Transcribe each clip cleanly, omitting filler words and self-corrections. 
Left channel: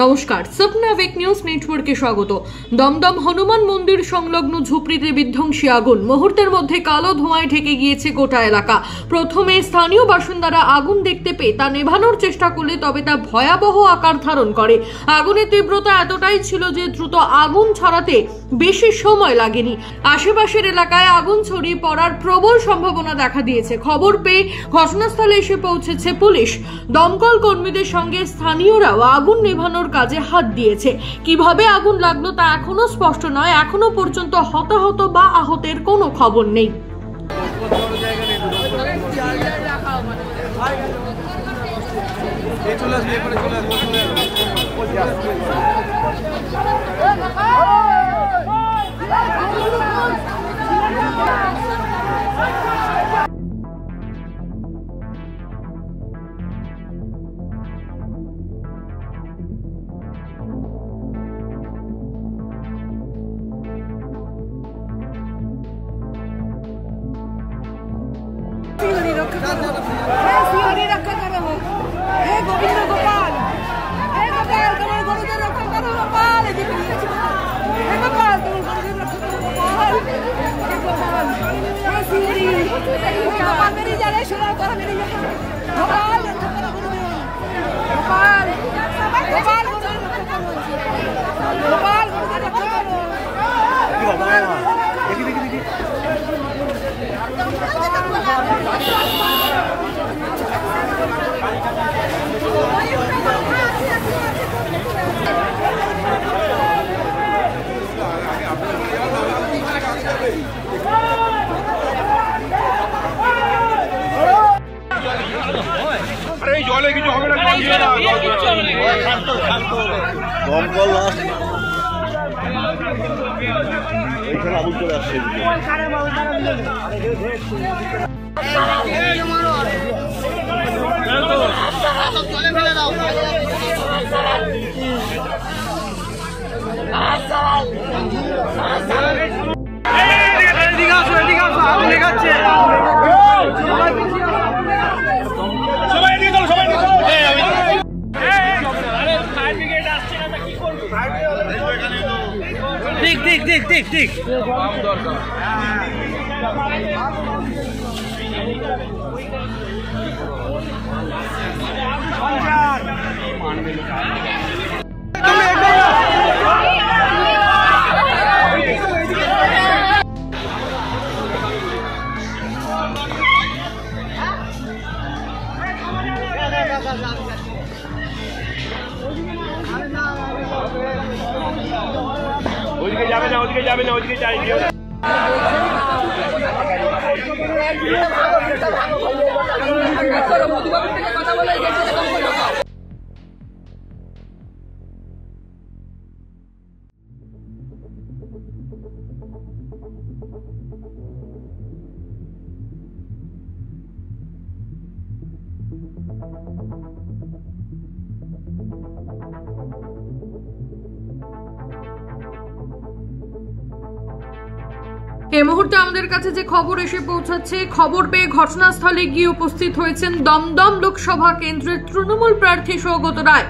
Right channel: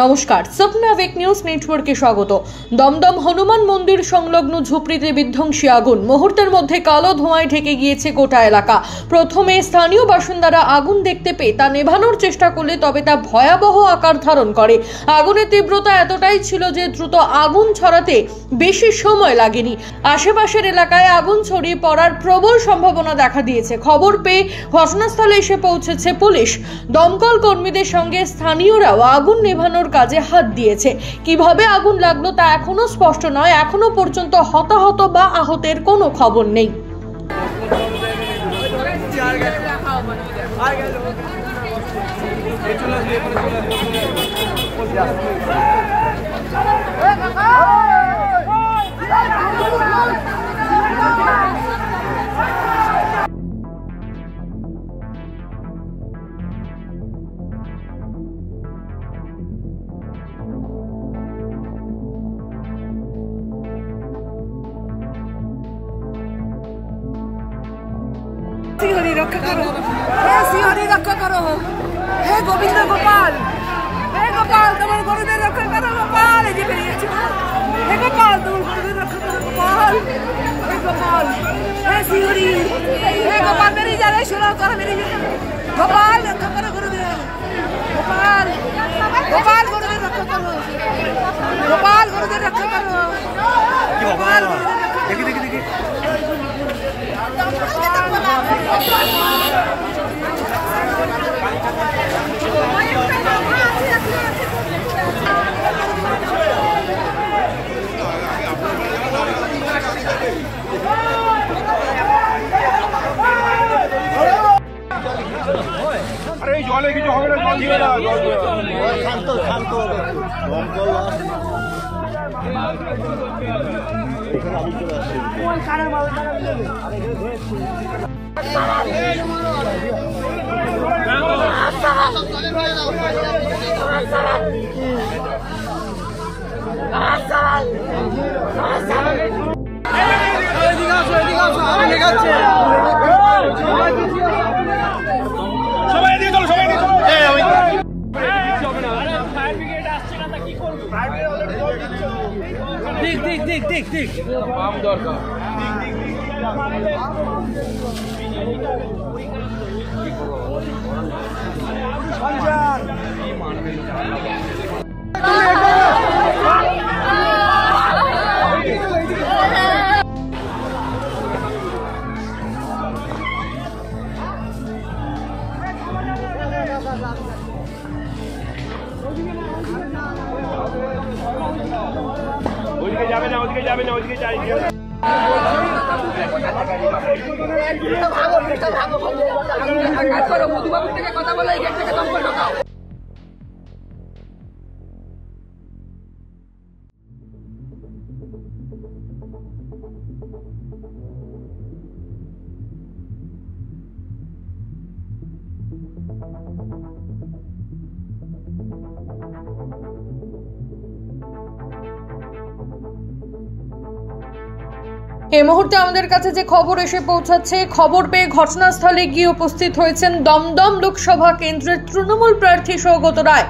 নমস্কার, স্বপ্ন আবেগ নিউজ নেটওয়ার্কে স্বাগত। দমদম হনুমান মন্দির সংলগ্ন ঝুপড়িতে বিধ্বংসী আগুন, মুহূর্তের মধ্যে কালো ধোঁয়ায় ঢেকে গিয়েছে গোটা এলাকা। প্রথমে স্থানীয় বাসিন্দারা আগুন দেখতে পেয়ে তা নেভানোর চেষ্টা করলে তবে তা ভয়াবহ আকার ধারণ করে। আগুনের তীব্রতা এতটাই ছিল যে দ্রুত আগুন ছড়াতে বেশি সময় লাগেনি। আশেপাশের এলাকায় আগুন ছড়িয়ে পড়ার প্রবল সম্ভাবনা দেখা দিয়েছে। খবর পেয়ে ঘটনাস্থলে এসে পৌঁছেছে পুলিশ। দমকল কর্মীদের সঙ্গে স্থানীয়রাও আগুন নেভানোর কাজে হাত দিয়েছে। কিভাবে আগুন লাগলো তা এখনো স্পষ্ট নয়। এখনো পর্যন্ত হতাহত বা আহতের কোনো খবর নেই। सिंहरी रक्षा करो, हे सिंहरी रक्षा करो, हे गोविंद गोपाल, हे गोपाल तुम्हारे गुरुदेव रक्षा करो गोपाल, जी मेरी हे गोपाल तुम्हारे गुरुदेव रक्षा करो गोपाल, हे गोपाल, हे सिंहरी, हे गोपाल मेरी जाने सुनो करो मेरी जाने, गोपाल रक्षा करो गुरुदेव, गोपाल, गोपाल गुरुदेव रक्षा करो, गोपाल गुरुदेव रक्षा करो, गोपाल देखी देखी देखी জলে কিছু হবে না, দমকল ঠিক দরকার। ওদিকে যাবে না ওদিকে যাই দিও না। এই মুহূর্তে আমাদের কাছে যে খবর এসে পৌঁছাচ্ছে, খবর পেয়ে ঘটনাস্থলে গিয়ে উপস্থিত হয়েছেন দমদম লোকসভা কেন্দ্রের তৃণমূল প্রার্থী সৌগত রায়।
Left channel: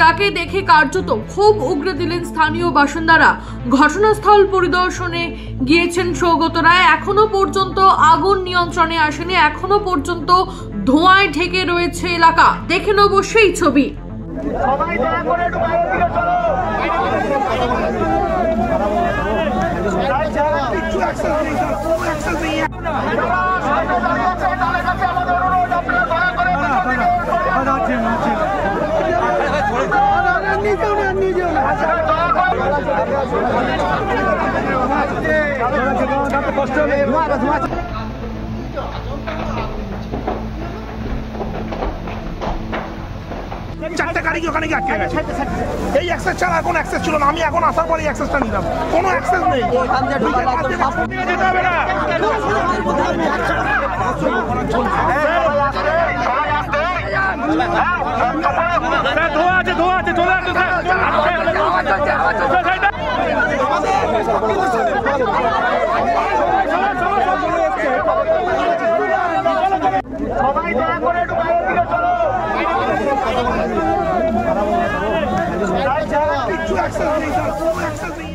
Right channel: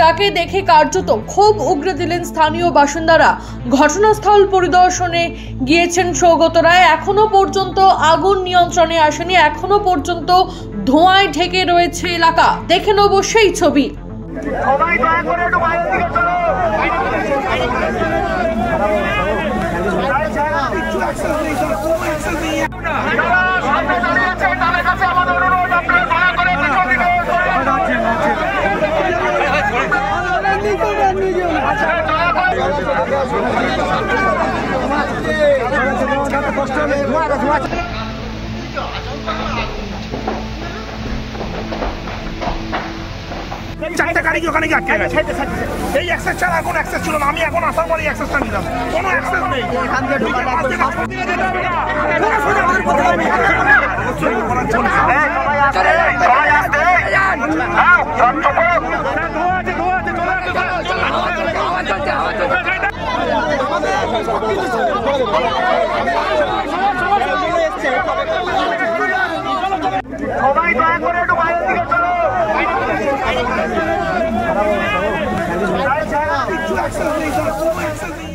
তাকে দেখে কার্যত ক্ষোভ উগরে দিলেন স্থানীয় বাসিন্দারা। ঘটনাস্থল পরিদর্শনে গিয়েছেন সৌগত রায়। এখনো পর্যন্ত আগুন নিয়ন্ত্রণে আসেনি, এখনো পর্যন্ত ধোঁয়ায় ঢেকে রয়েছে এলাকা। দেখে নেব সেই ছবি। সবাই দয়া করে একটু বাইরের দিকে চলো। চারটে গাড়ি ওখানে আটকে গেছে। এই অ্যাক্সেস ছাড়া কোনো অ্যাক্সেস ছিল না। আমি এখন আসার পরে অ্যাক্সেসটা নিলাম, কোনো অ্যাক্সেস নেই। সবাই দয়া করে একটু বাইরের দিকে চলো। কিছু অ্যাক্সেস নেই স্যার, কোনো অ্যাক্সেস নেই।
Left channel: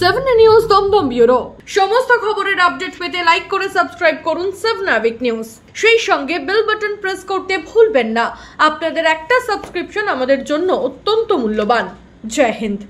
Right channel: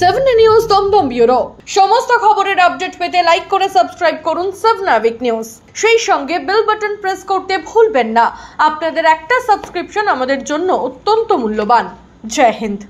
7 নিউজ দমদম ব্যুরো। সমস্ত খবরের আপডেট পেতে লাইক করে সাবস্ক্রাইব করুন 7 নিউজ। সেই সঙ্গে বেল বাটন প্রেস করতে ভুলবেন না। আপনাদের একটা সাবস্ক্রিপশন আমাদের জন্য অত্যন্ত মূল্যবান। জয় হিন্দ।